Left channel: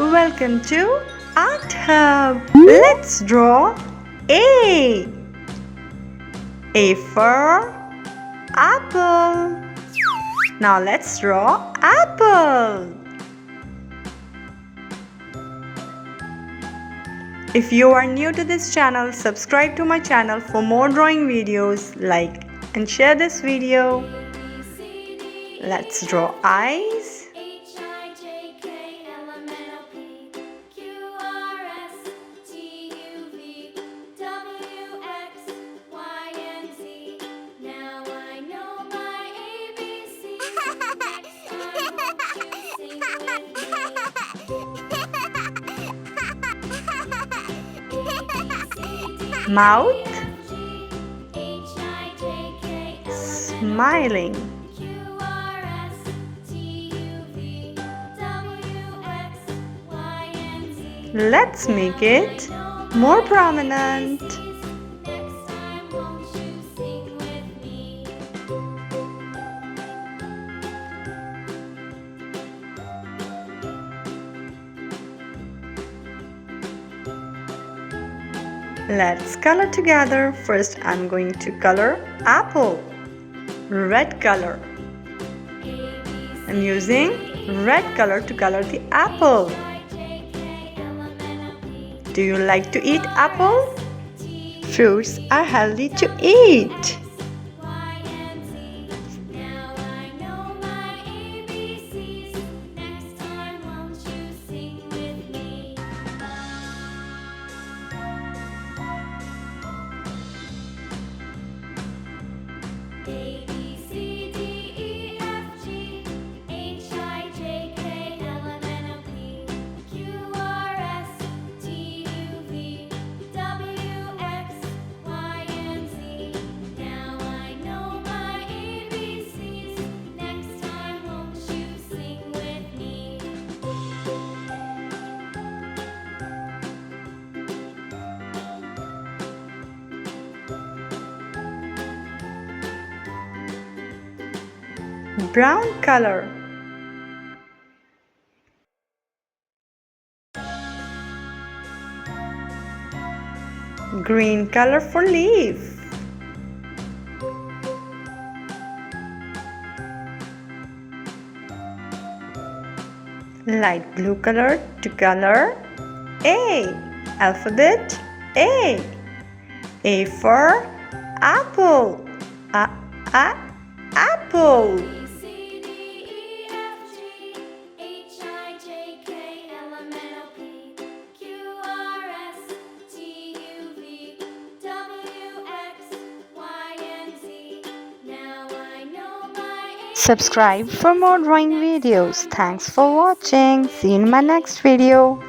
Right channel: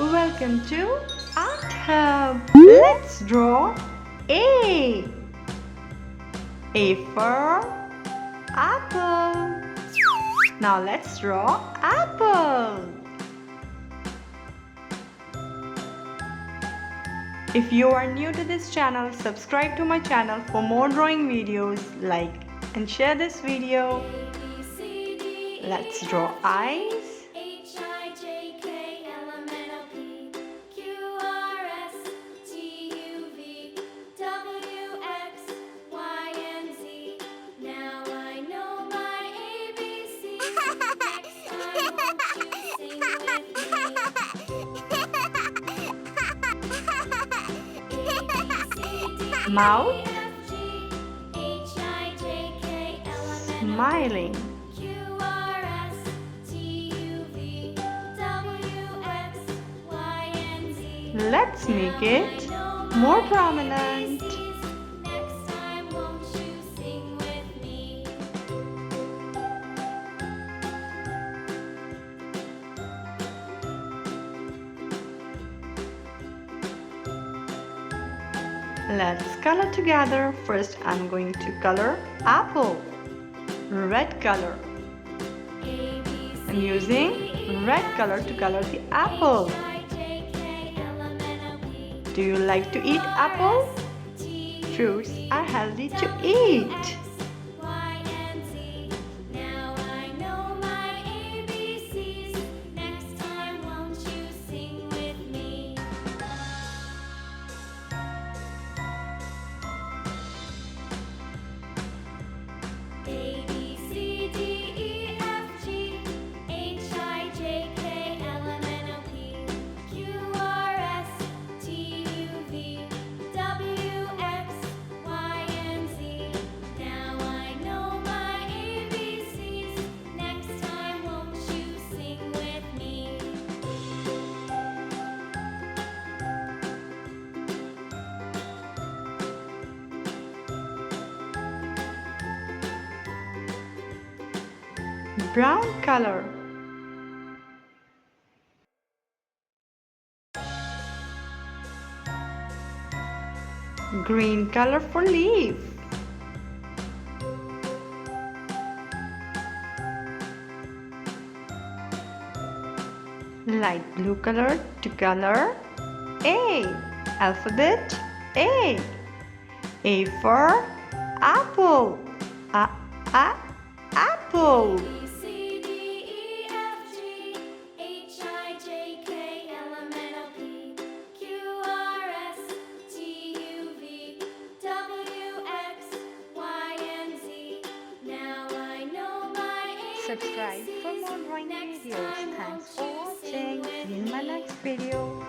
Welcome to Art Hub. Let's draw A. A for apple. Now let's draw apple. If you are new to this channel, subscribe to my channel for more drawing videos. Like and share this video. Let's draw eyes. Mouth, smiling. Let's make it more prominent. Let's color together. First, I'm going to color apple. Red color. I'm using red color to color the apple. Do you like to eat apple? Fruits are healthy to eat. Brown color. Green color for leaf. Light blue color to color A. Alphabet A. A for apple. Apple. Subscribe for more drawing videos. Thanks for watching. See you in my next video.